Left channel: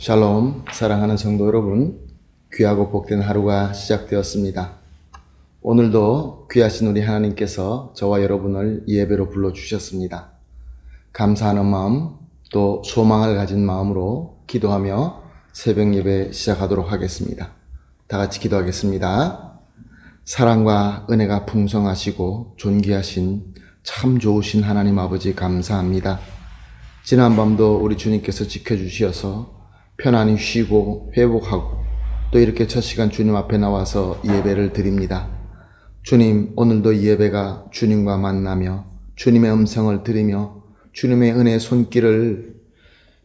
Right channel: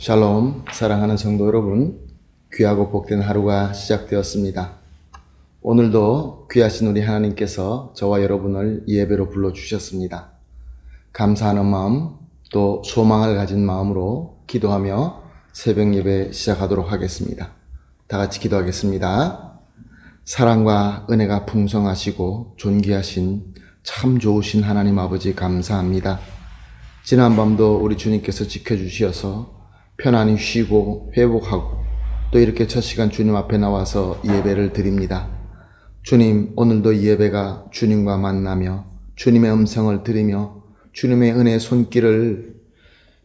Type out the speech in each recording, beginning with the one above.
샬롬, 사랑하는 성도 여러분, 귀하고 복된 하루가 시작되었습니다. 오늘도 귀하신 우리 하나님께서 저와 여러분을 예배로 불러주셨습니다. 감사하는 마음, 또 소망을 가진 마음으로 기도하며 새벽 예배 시작하도록 하겠습니다. 다 같이 기도하겠습니다. 사랑과 은혜가 풍성하시고 존귀하신 참 좋으신 하나님 아버지 감사합니다. 지난밤도 우리 주님께서 지켜주시어서 편안히 쉬고 회복하고 또 이렇게 첫 시간 주님 앞에 나와서 예배를 드립니다. 주님, 오늘도 이 예배가 주님과 만나며 주님의 음성을 들으며 주님의 은혜의 손길을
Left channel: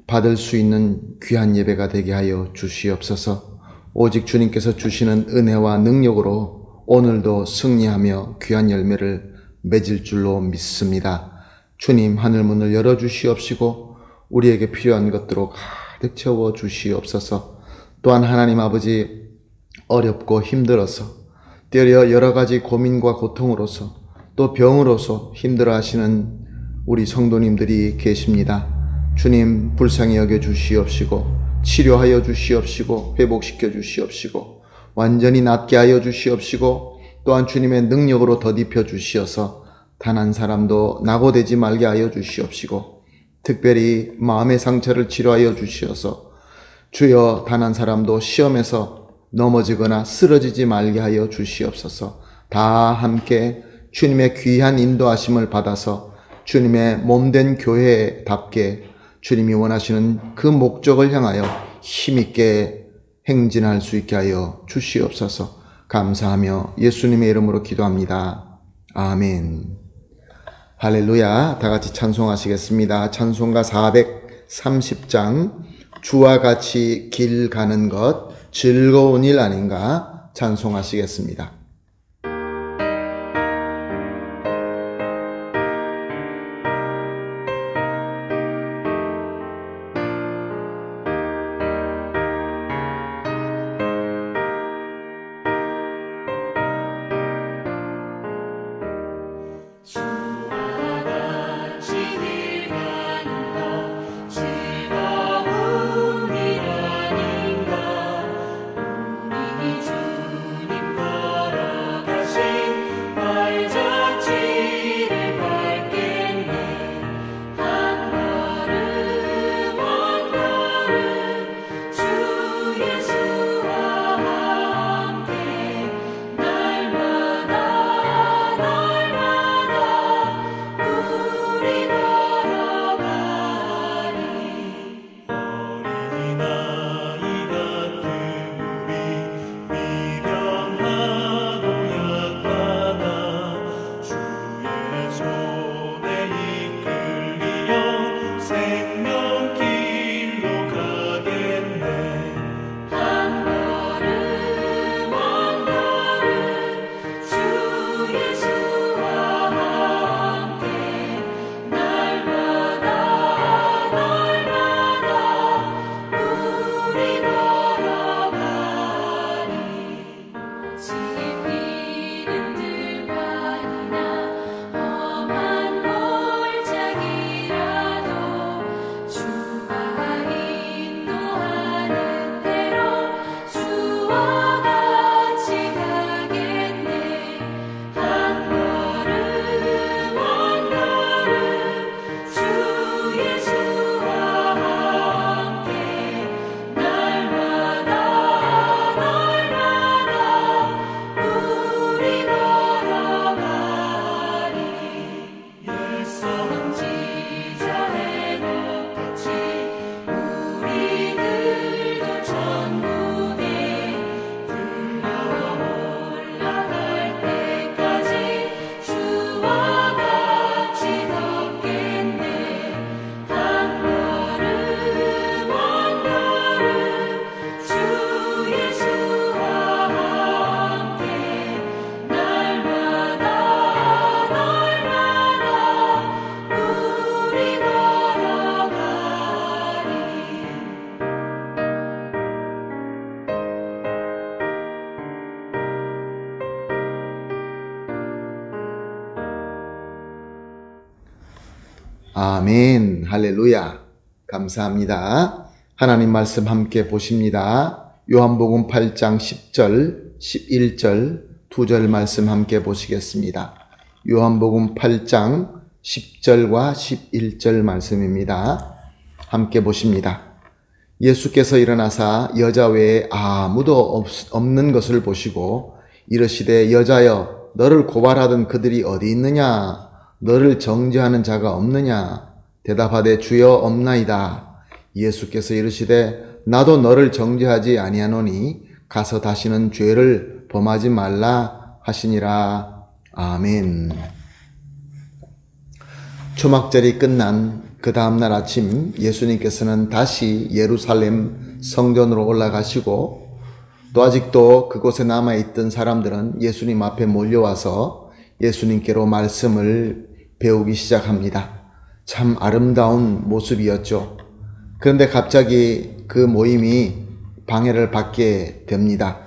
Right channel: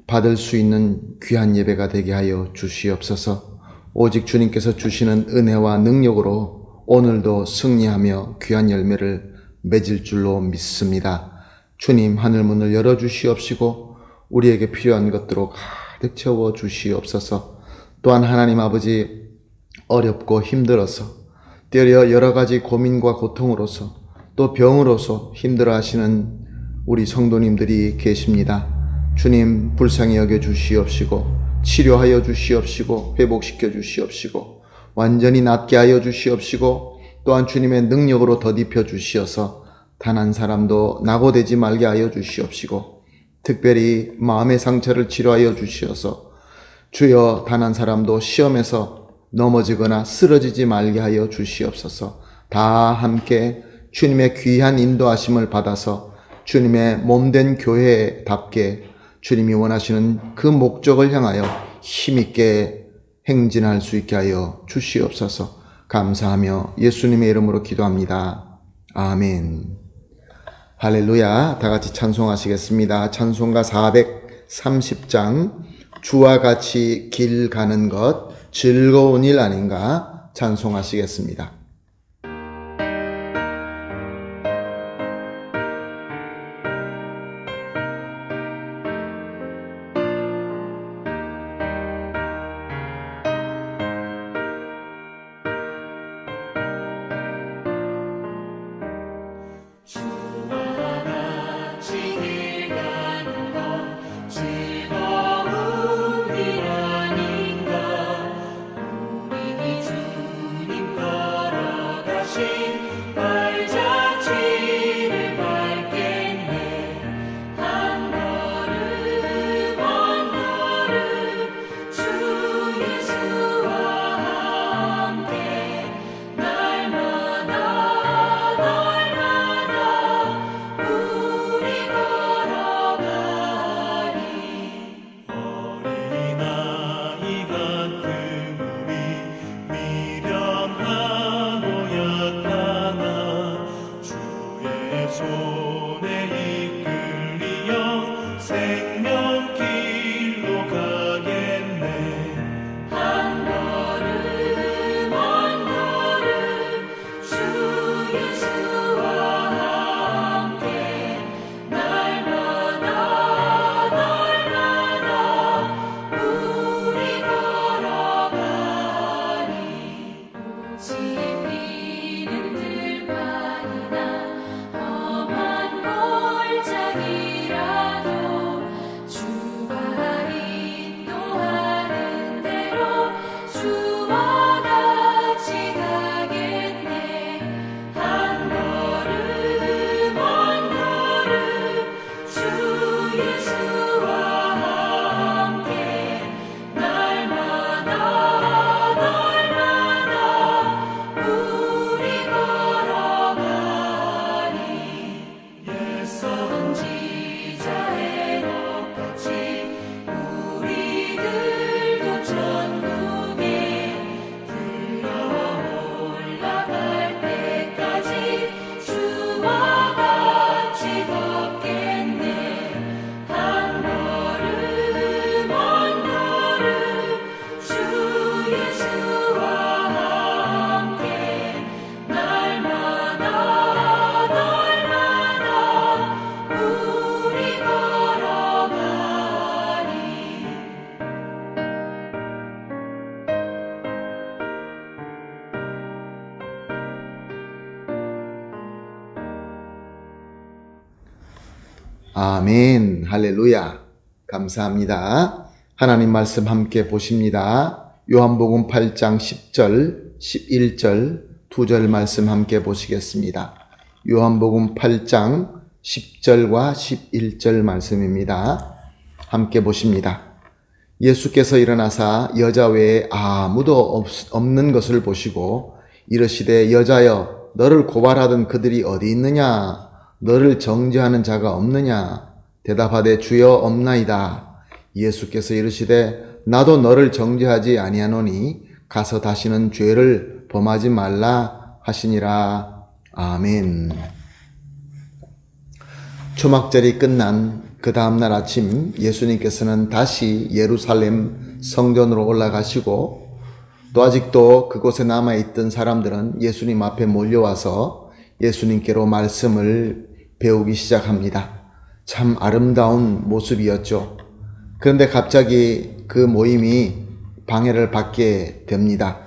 받을 수 있는 귀한 예배가 되게 하여 주시옵소서. 오직 주님께서 주시는 은혜와 능력으로 오늘도 승리하며 귀한 열매를 맺을 줄로 믿습니다. 주님, 하늘문을 열어주시옵시고 우리에게 필요한 것들로 가득 채워 주시옵소서. 또한 하나님 아버지, 어렵고 힘들어서 때려 여러 가지 고민과 고통으로서 또 병으로서 힘들어 하시는 우리 성도님들이 계십니다. 주님, 불쌍히 여겨 주시옵시고 치료하여 주시옵시고 회복시켜 주시옵시고 완전히 낫게 하여 주시옵시고 또한 주님의 능력으로 덧입혀 주시어서 단 한 사람도 낙오되지 말게 하여 주시옵시고 특별히 마음의 상처를 치료하여 주시어서 주여 단 한 사람도 시험에서 넘어지거나 쓰러지지 말게 하여 주시옵소서. 다 함께 주님의 귀한 인도하심을 받아서 주님의 몸된 교회답게 주님이 원하시는 그 목적을 향하여 힘있게 행진할 수 있게 하여 주시옵소서. 감사하며 예수님의 이름으로 기도합니다. 아멘. 할렐루야. 다 같이 찬송하시겠습니다. 찬송가 430장 주와 같이 길 가는 것 즐거운 일 아닌가 찬송하시겠습니다. 아멘. 할렐루야. 감사합니다. 하나님 말씀 함께 보십니다. 요한복음 8장 10절, 11절, 2절 말씀 함께 보시겠습니다. 요한복음 8장 10절과 11절 말씀입니다. 함께 보십니다. 예수께서 일어나사 여자 외에 아무도 없는 것을 보시고 이르시되 여자여 너를 고발하던 그들이 어디 있느냐? 너를 정죄하는 자가 없느냐? 대답하되 주여 없나이다. 예수께서 이르시되 나도 너를 정죄하지 아니하노니 가서 다시는 죄를 범하지 말라 하시니라. 아멘. 초막절이 끝난 그 다음날 아침 예수님께서는 다시 예루살렘 성전으로 올라가시고 또 아직도 그곳에 남아있던 사람들은 예수님 앞에 몰려와서 예수님께로 말씀을 배우기 시작합니다. 참 아름다운 모습이었죠. 그런데 갑자기 그 모임이 방해를 받게 됩니다.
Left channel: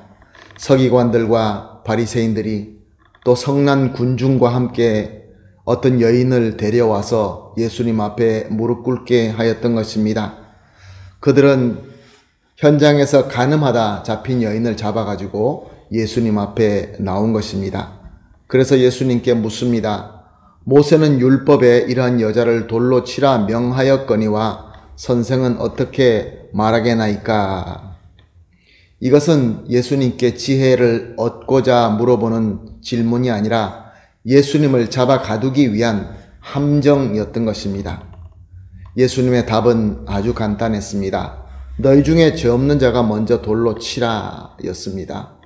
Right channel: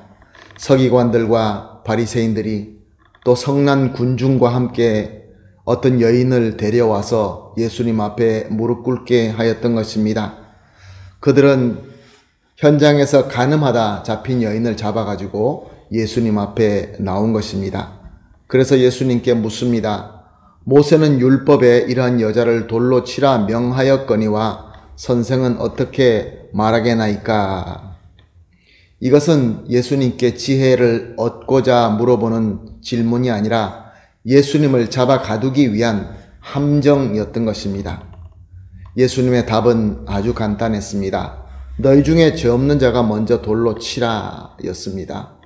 서기관들과 바리새인들이 또 성난 군중과 함께 어떤 여인을 데려와서 예수님 앞에 무릎 꿇게 하였던 것입니다. 그들은 현장에서 간음하다 잡힌 여인을 잡아가지고 예수님 앞에 나온 것입니다. 그래서 예수님께 묻습니다. 모세는 율법에 이러한 여자를 돌로 치라 명하였거니와 선생은 어떻게 말하게나이까? 이것은 예수님께 지혜를 얻고자 물어보는 질문이 아니라 예수님을 잡아 가두기 위한 함정이었던 것입니다. 예수님의 답은 아주 간단했습니다. 너희 중에 죄 없는 자가 먼저 돌로 치라 였습니다.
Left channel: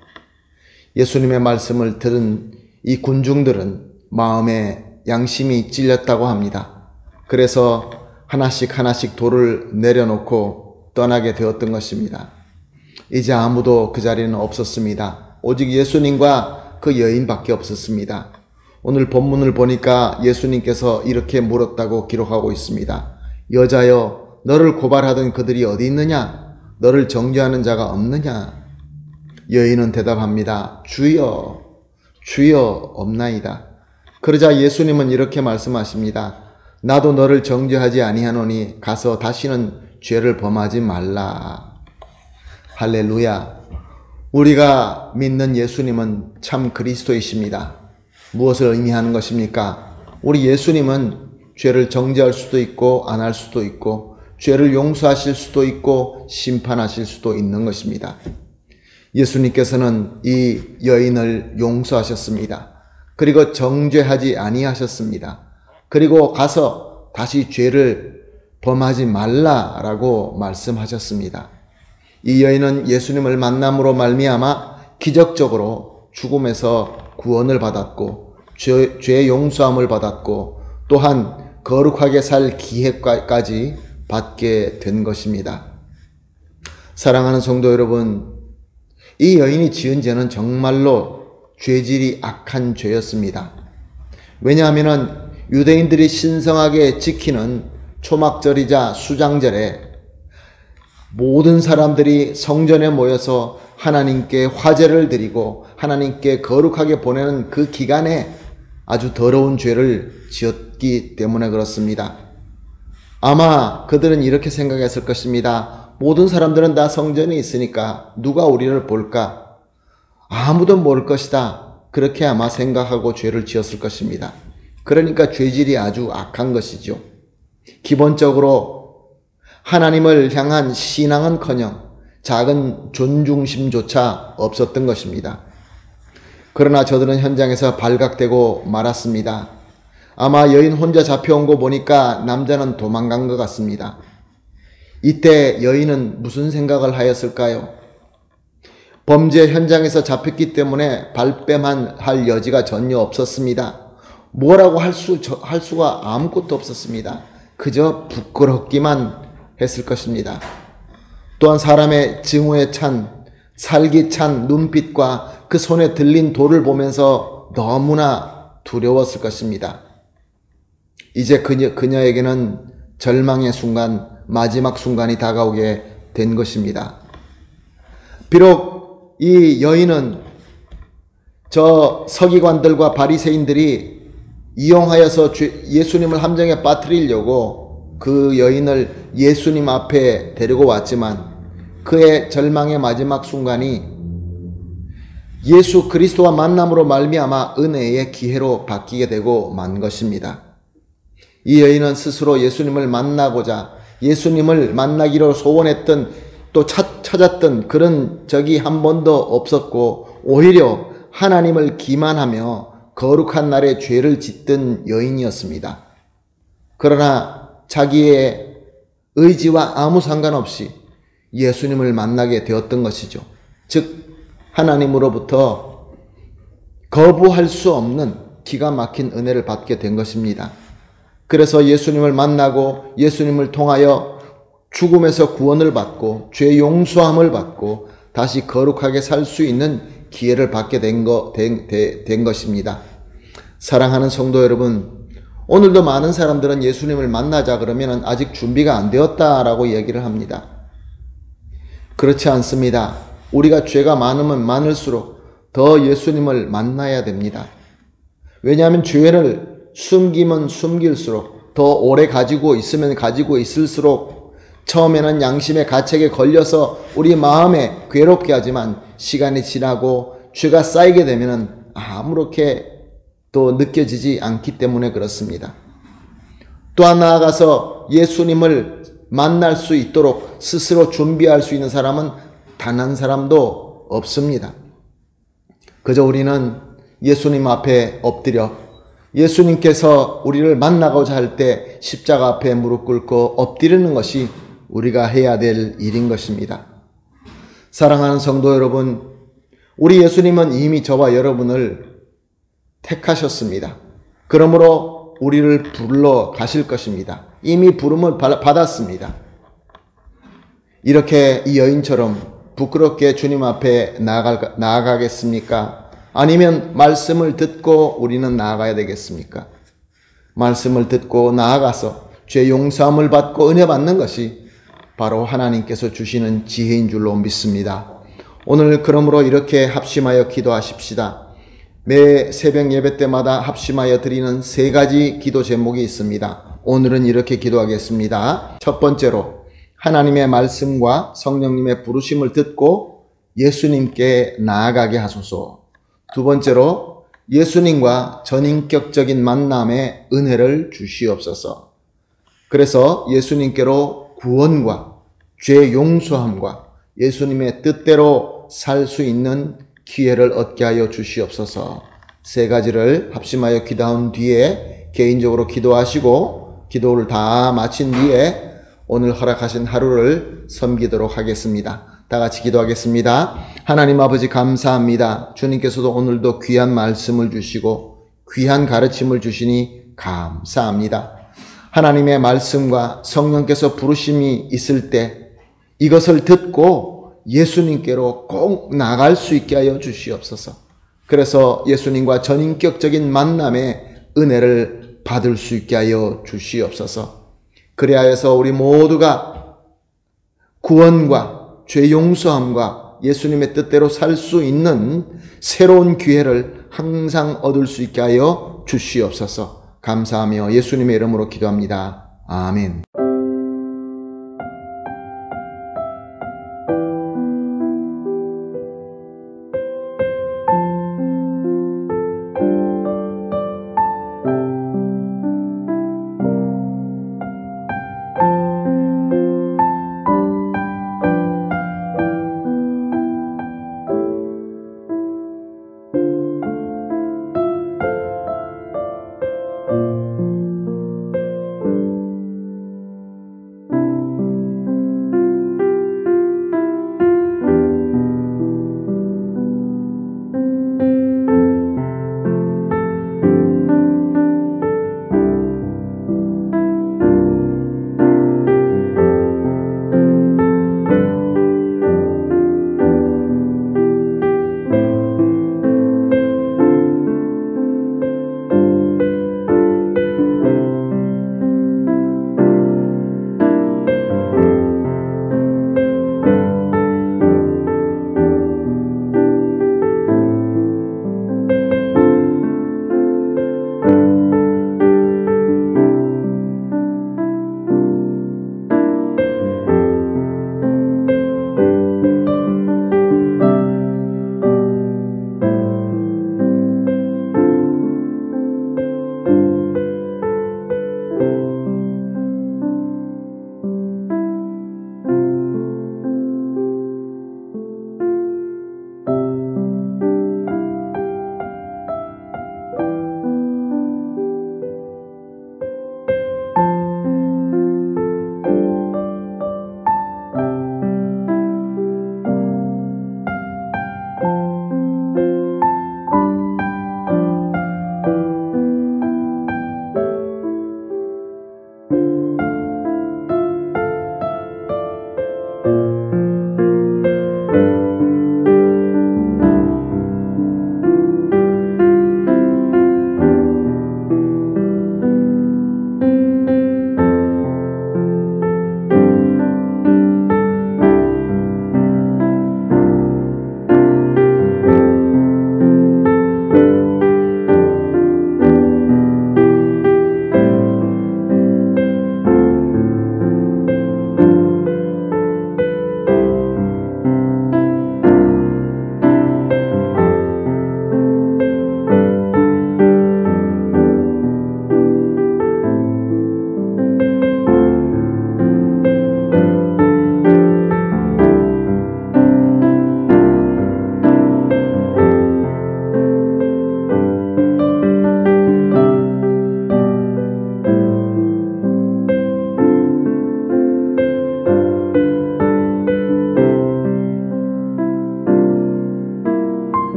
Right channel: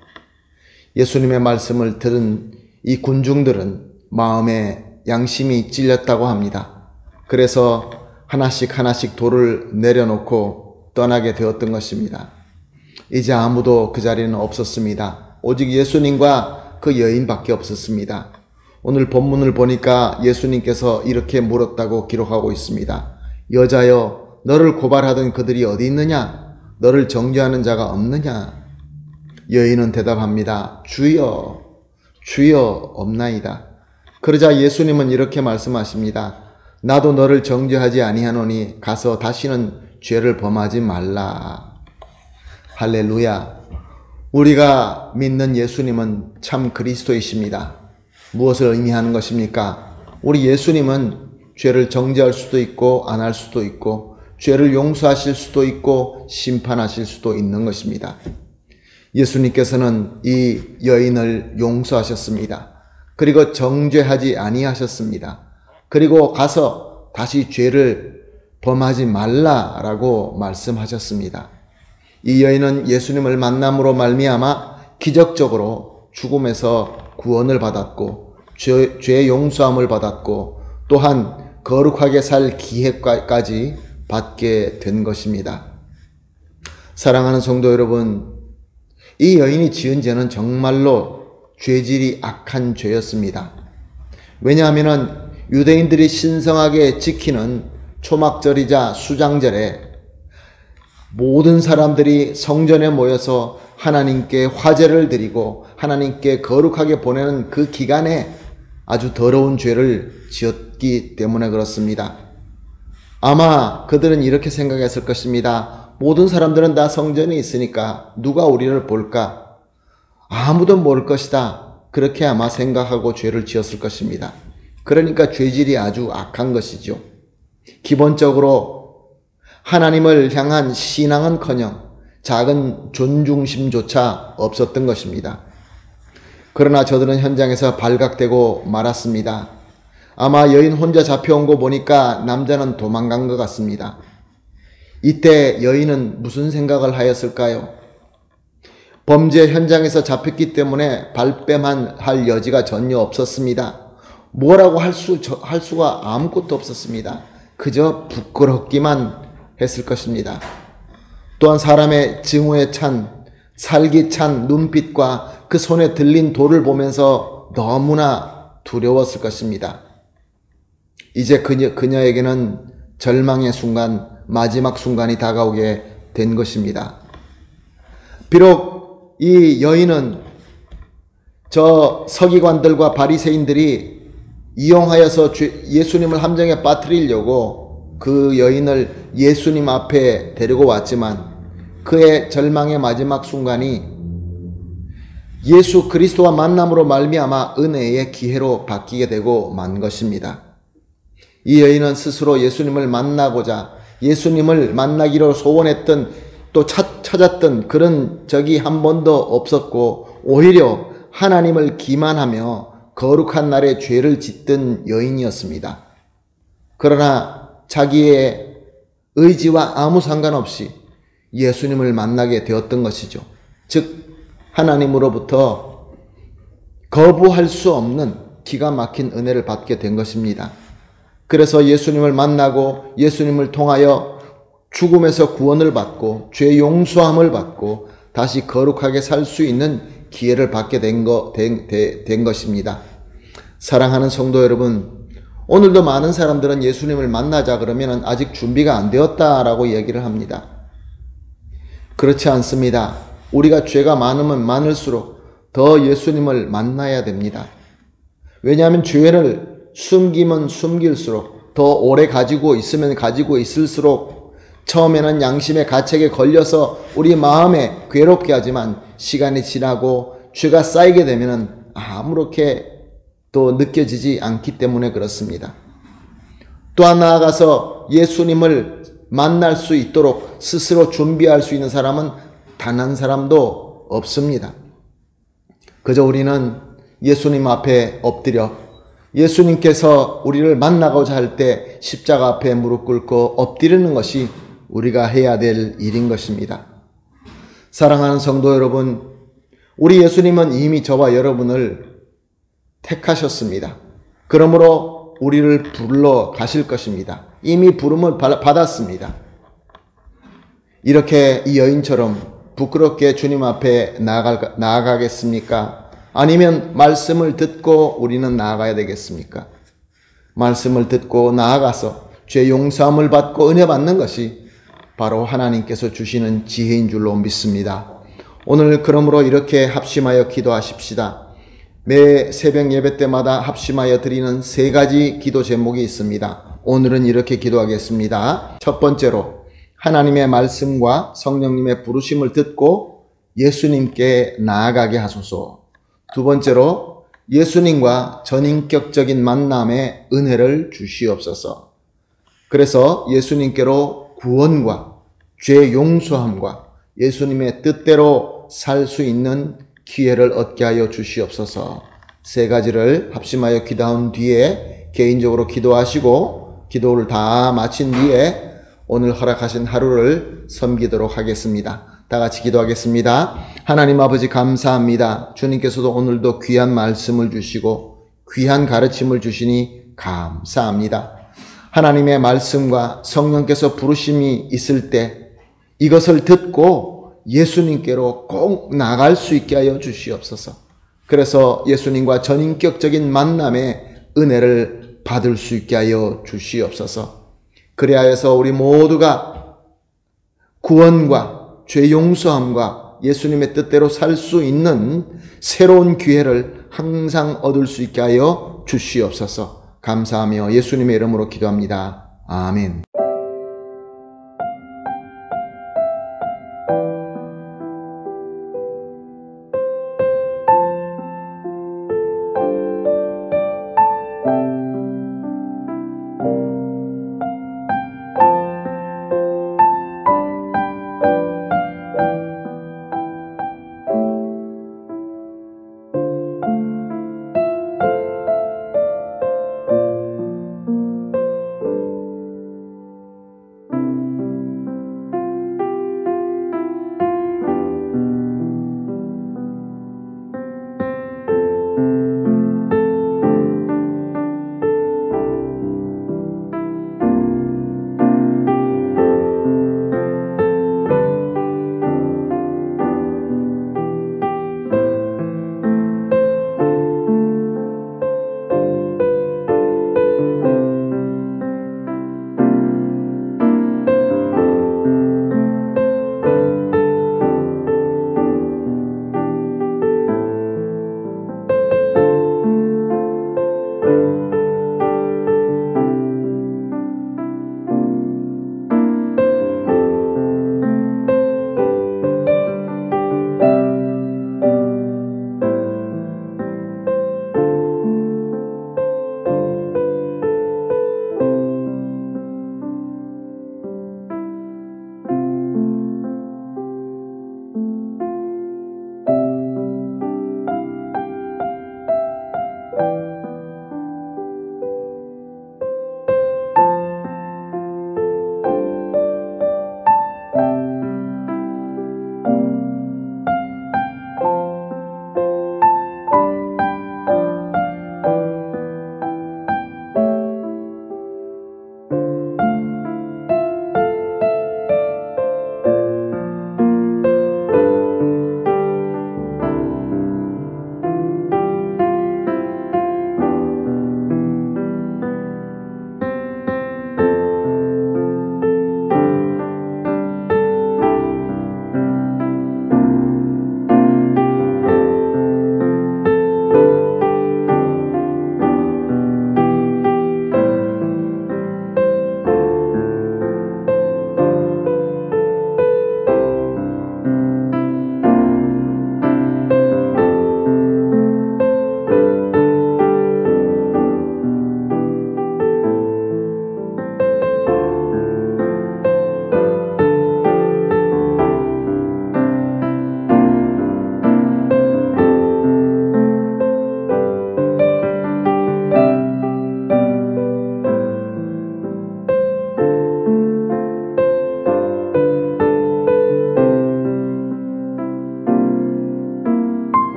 예수님의 말씀을 들은 이 군중들은 마음에 양심이 찔렸다고 합니다. 그래서 하나씩 돌을 내려놓고 떠나게 되었던 것입니다. 이제 아무도 그 자리는 없었습니다. 오직 예수님과 그 여인밖에 없었습니다. 오늘 본문을 보니까 예수님께서 이렇게 물었다고 기록하고 있습니다. 여자여 너를 고발하던 그들이 어디 있느냐? 너를 정죄하는 자가 없느냐? 여인은 대답합니다. 주여 없나이다. 그러자 예수님은 이렇게 말씀하십니다. 나도 너를 정죄하지 아니하노니 가서 다시는 죄를 범하지 말라. 할렐루야. 우리가 믿는 예수님은 참 그리스도이십니다. 무엇을 의미하는 것입니까? 우리 예수님은 죄를 정죄할 수도 있고 안 할 수도 있고 죄를 용서하실 수도 있고 심판하실 수도 있는 것입니다. 예수님께서는 이 여인을 용서하셨습니다. 그리고 정죄하지 아니하셨습니다. 그리고 가서 다시 죄를 범하지 말라라고 말씀하셨습니다. 이 여인은 예수님을 만남으로 말미암아 기적적으로 죽음에서 구원을 받았고 죄 용서함을 받았고 또한 거룩하게 살 기회까지 받게 된 것입니다. 사랑하는 성도 여러분, 이 여인이 지은 죄는 정말로 죄질이 악한 죄였습니다. 왜냐하면 유대인들이 신성하게 지키는 초막절이자 수장절에 모든 사람들이 성전에 모여서 하나님께 화제를 드리고 하나님께 거룩하게 보내는 그 기간에 아주 더러운 죄를 지었기 때문에 그렇습니다. 아마 그들은 이렇게 생각했을 것입니다. 모든 사람들은 다 성전에 있으니까 누가 우리를 볼까? 아무도 모를 것이다. 그렇게 아마 생각하고 죄를 지었을 것입니다. 그러니까 죄질이 아주 악한 것이죠. 기본적으로 하나님을 향한 신앙은커녕 작은 존중심조차 없었던 것입니다. 그러나 저들은 현장에서 발각되고 말았습니다. 아마 여인 혼자 잡혀온 거 보니까 남자는 도망간 것 같습니다. 이때 여인은 무슨 생각을 하였을까요? 범죄 현장에서 잡혔기 때문에 발뺌할 여지가 전혀 없었습니다. 뭐라고 할 수가 아무것도 없었습니다. 그저 부끄럽기만 했을 것입니다. 또한 사람의 증오에 찬 살기찬 눈빛과 그 손에 들린 돌을 보면서 너무나 두려웠을 것입니다. 이제 그녀에게는 절망의 순간, 마지막 순간이 다가오게 된 것입니다. 비록 이 여인은 저 서기관들과 바리새인들이 이용하여서 예수님을 함정에 빠뜨리려고 그 여인을 예수님 앞에 데리고 왔지만 그의 절망의 마지막 순간이 예수 그리스도와 만남으로 말미암아 은혜의 기회로 바뀌게 되고 만 것입니다. 이 여인은 스스로 예수님을 만나고자 예수님을 만나기로 소원했던 또 찾았던 그런 적이 한 번도 없었고 오히려 하나님을 기만하며 거룩한 날에 죄를 짓던 여인이었습니다. 그러나 자기의 의지와 아무 상관없이 예수님을 만나게 되었던 것이죠. 즉 하나님으로부터 거부할 수 없는 기가 막힌 은혜를 받게 된 것입니다. 그래서 예수님을 만나고 예수님을 통하여 죽음에서 구원을 받고 죄 용서함을 받고 다시 거룩하게 살 수 있는 기회를 받게 된 것입니다. 사랑하는 성도 여러분, 오늘도 많은 사람들은 예수님을 만나자 그러면 아직 준비가 안 되었다라고 얘기를 합니다. 그렇지 않습니다. 우리가 죄가 많으면 많을수록 더 예수님을 만나야 됩니다. 왜냐하면 죄를 숨기면 숨길수록 더 오래 가지고 있으면 가지고 있을수록 처음에는 양심의 가책에 걸려서 우리 마음에 괴롭게 하지만 시간이 지나고 죄가 쌓이게 되면 아무렇게 또 느껴지지 않기 때문에 그렇습니다. 또한 나아가서 예수님을 만날 수 있도록 스스로 준비할 수 있는 사람은 단 한 사람도 없습니다. 그저 우리는 예수님 앞에 엎드려 예수님께서 우리를 만나고자 할 때 십자가 앞에 무릎 꿇고 엎드리는 것이 우리가 해야 될 일인 것입니다. 사랑하는 성도 여러분, 우리 예수님은 이미 저와 여러분을 택하셨습니다. 그러므로 우리를 불러 가실 것입니다. 이미 부름을 받았습니다. 이렇게 이 여인처럼 부끄럽게 주님 앞에 나아가겠습니까? 아니면 말씀을 듣고 우리는 나아가야 되겠습니까? 말씀을 듣고 나아가서 죄 용서함을 받고 은혜 받는 것이 바로 하나님께서 주시는 지혜인 줄로 믿습니다. 오늘 그러므로 이렇게 합심하여 기도하십시다. 매 새벽 예배 때마다 합심하여 드리는 세 가지 기도 제목이 있습니다. 오늘은 이렇게 기도하겠습니다. 첫 번째로 하나님의 말씀과 성령님의 부르심을 듣고 예수님께 나아가게 하소서. 두 번째로 예수님과 전인격적인 만남의 은혜를 주시옵소서. 그래서 예수님께로 구원과 죄 용서함과 예수님의 뜻대로 살 수 있는 기회를 얻게 하여 주시옵소서. 세 가지를 합심하여 기도한 뒤에 개인적으로 기도하시고 기도를 다 마친 뒤에 오늘 허락하신 하루를 섬기도록 하겠습니다. 다 같이 기도하겠습니다. 하나님 아버지 감사합니다. 주님께서도 오늘도 귀한 말씀을 주시고 귀한 가르침을 주시니 감사합니다. 하나님의 말씀과 성령께서 부르심이 있을 때 이것을 듣고 예수님께로 꼭 나갈 수 있게 하여 주시옵소서. 그래서 예수님과 전인격적인 만남의 은혜를 받을 수 있게 하여 주시옵소서. 그리하여서 우리 모두가 구원과 죄 용서함과 예수님의 뜻대로 살 수 있는 새로운 기회를 항상 얻을 수 있게 하여 주시옵소서. 감사하며 예수님의 이름으로 기도합니다. 아멘.